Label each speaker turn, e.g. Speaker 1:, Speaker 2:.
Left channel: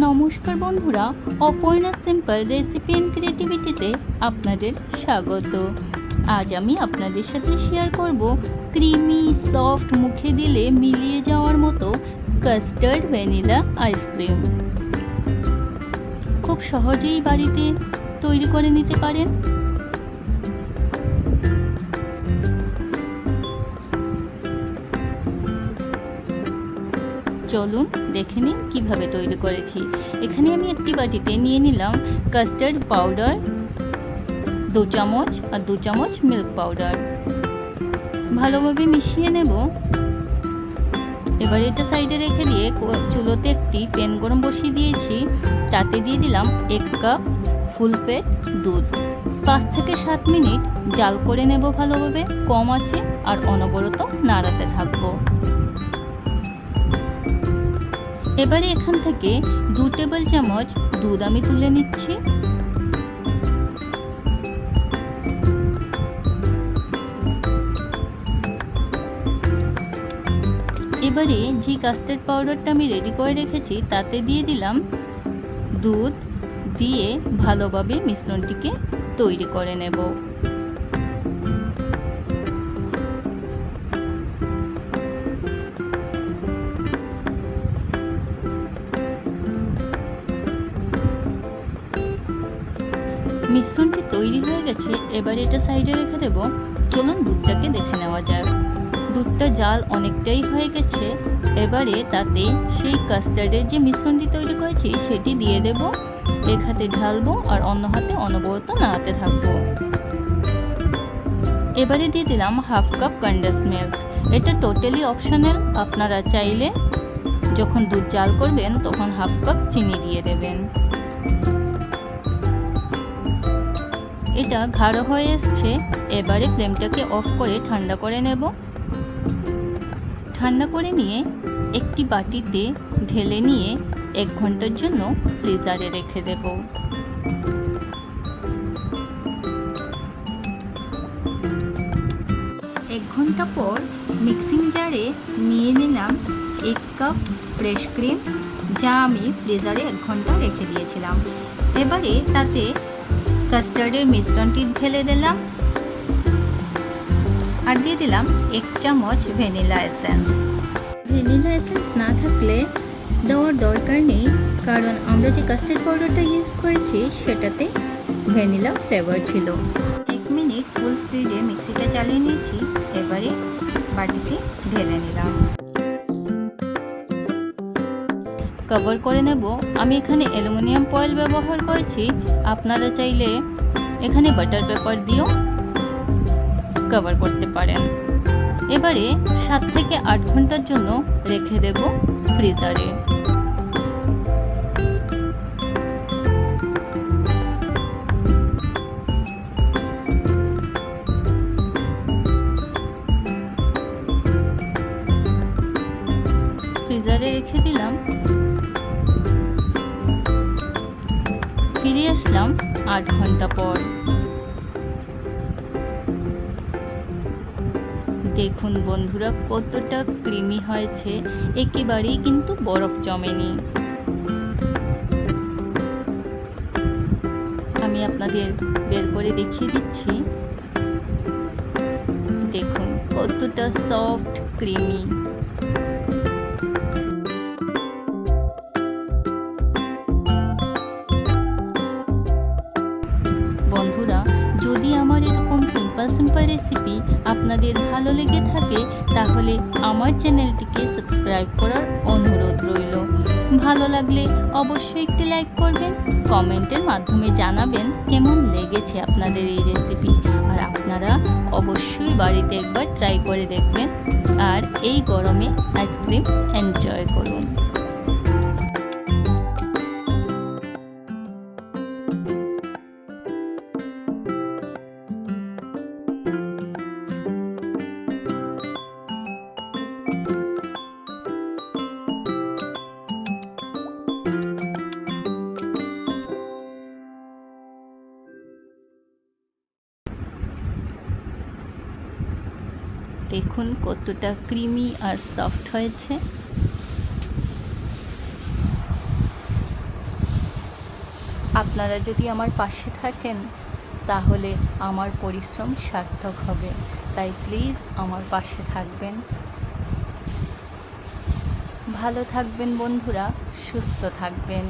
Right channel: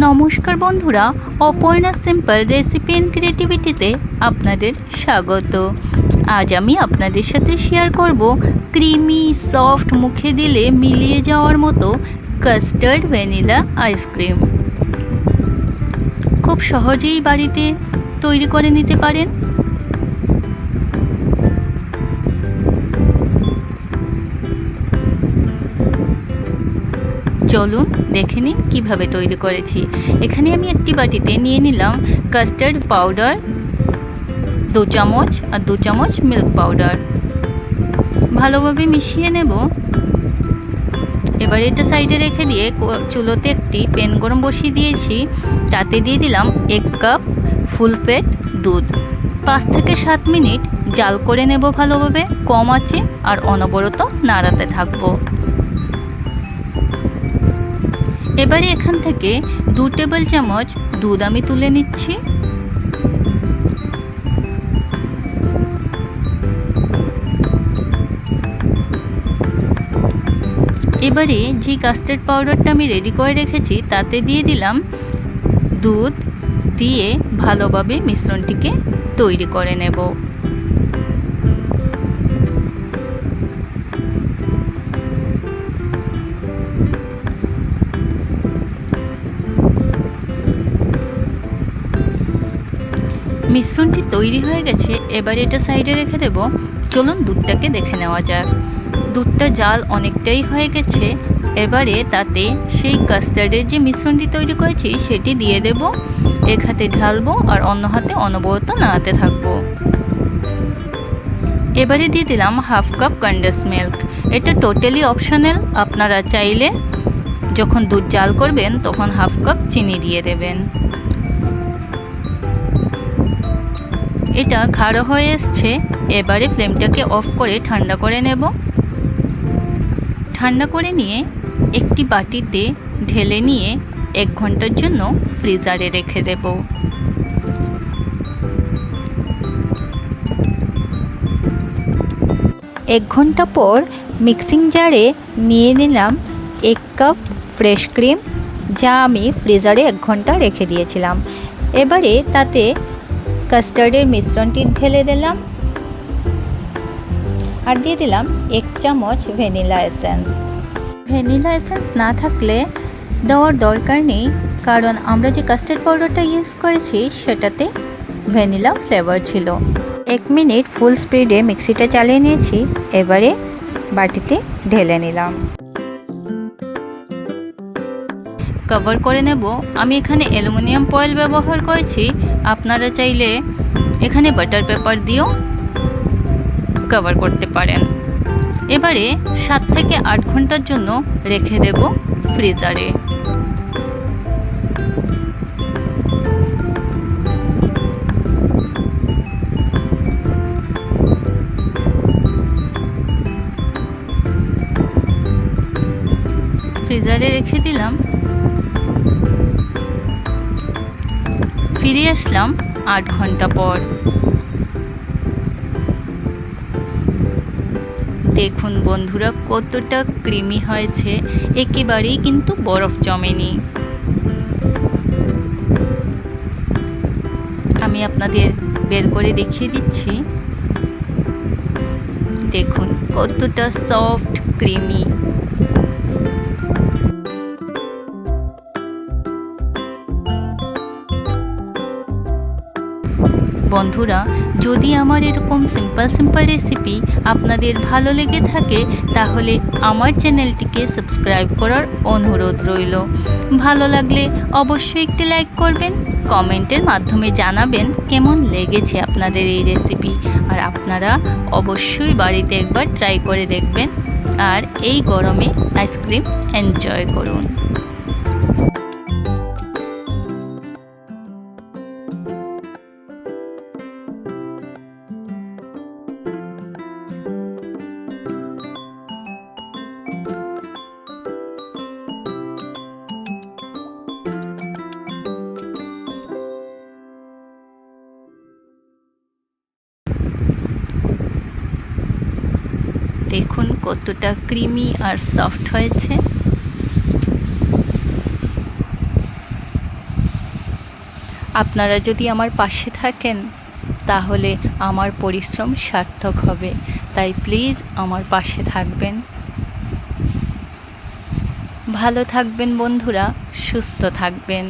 Speaker 1: নমস্কার বন্ধুরা, Aparna simple recipe and ক্রিয়েটিভিটিতে আপনাদের স্বাগত। আজ আমি আপনাদের সাথে শেয়ার করব ক্রিমি সফট মুখে দিলে মিলিয়ে যাওয়ার মতো কাস্টার্ড ভ্যানিলা আইসক্রিম খুব সহজেই বাড়িতে তৈরি করে নিতে পারেন। চলুন দেখে নিন কীভাবে তৈরি করেছি। এখানে আমি একটি বাটিতে নিয়ে নিলাম কাস্টার্ড পাউডার দু চামচ আর দু চামচ মিল্ক পাউডার ভালোভাবে মিশিয়ে নেব। এবার এটা সাইডে রেখে দিয়ে চুলোতে একটি প্যান গরম বসিয়ে দিয়েছি। তাতে দিয়ে দিলাম এক কাপ ফুল ফ্যাট দুধ। পাঁচ থেকে সাত মিনিট জাল করে নেব ভালোভাবে। কম আছে আর অনবরত নাড়াতে থাকব। এবারে এখান থেকে দু টেবিল চামচ দুধ আমি তুলে নিচ্ছি। এবারে যে কাস্টার্ড পাউডারটা আমি রেডি করে রেখেছি, তাতে দিয়ে দিলাম দুধ দিয়ে ভালোভাবে মিশ্রণটিকে তৈরি করে নেব। মিশ্রণটি তৈরি হয়ে গেছে, এবার এটা সাইডে রেখে দেব। চলুন দুধটাকে দেখে নেওয়া যাক। দুধটা জাল অনেকটাই হয়ে গেছে, এবারে তাতে সেই কাস্টার্ডের যে মিশ্রণটি তৈরি করেছি, সেটি দিয়ে দেব। এক হাতে ঢালবো আর অন্য হাতে অনবরত নাড়াতে থাকব। এবারে দিয়ে দিলাম হাফ কাপ কন্ডেন্স মিল্ক এটা টোটালি অপশনাল আপনারা চাইলে যখন দুধ জাল করবেন, তখন হাফ কাপ চিনি দিয়ে দেবেন। এটা গাঢ় হয়ে এসছে। এবারে ফ্লেমটাকে অফ করে ঠান্ডা করে নেব। ঠান্ডা করে নিয়ে একটি বাটিতে ঢেলে নিয়ে এক ঘণ্টার জন্য ফ্রিজারে রেখে দেব। এক ঘণ্টা পর মিক্সিং জারে নিয়ে নিলাম এক কাপ ফ্রেশ ক্রিম, যা আমি ফ্রিজারে এক ঘণ্টা রেখে দিয়েছিলাম। এবারে তাতে কাস্টার্ডের মিশ্রণটি ঢেলে দিলাম। আর দিয়ে দিলাম এক চামচ ভ্যানিলা এসেন্স। ভ্যানিলা এসেন্স না থাকলে দেওয়ার দরকার নেই, কারণ আমরা যে কাস্টার্ড পাউডারটা ইউজ করেছি, সেটাতে ভ্যানিলা ফ্লেভার ছিল। এক মিনিট ফুল স্পিডে মিক্সিটা চালিয়ে নিয়েছি, এবারে বাটিতে ঢেলে নিলাম। কভার করে নেব। আমি এখানে অ্যালুমিনিয়াম ফয়েল ব্যবহার করেছি। আপনারা চাইলে এখানে বাটার পেপার দিয়েও কভার করতে পারেন। এবারে সাত থেকে আট ঘণ্টার জন্য রেখে দেব ফ্রিজারে ফ্রিজারে রেখে দিলাম। ফিরে আসলাম আট ঘণ্টা পর। দেখুন বন্ধুরা, কতটা ক্রিমি হয়েছে, একেবারেই কিন্তু বরফ জমেনি। আমি আপনাদের বের করে দেখিয়ে দিচ্ছি। দেখুন কতটা সফট, ক্রিমি। যদি আমার এরকম সিম্পল সিম্পল রেসিপি আপনাদের ভালো লেগে থাকে, তাহলে আমার চ্যানেলটিকে সাবস্ক্রাইব করার অনুরোধ রইল। ভালো লাগলে অবশ্যই একটি লাইক করবেন কমেন্টের মাধ্যমে জানাবেন কেমন লেগেছে আপনাদের এই রেসিপি আর আপনারা অবশ্যই বাড়িতে একবার ট্রাই করে দেখবেন, আর এই গরমে আইসক্রিম এনজয় করুন। দেখুন কতটা ক্রিমি আর সফট হয়েছে। আপনারা যদি আমার পাশে থাকেন, তাহলে আমার পরিশ্রম সার্থক হবে। তাই প্লিজ আমার পাশে থাকবেন। ভালো থাকবেন বন্ধুরা, সুস্থ থাকবেন।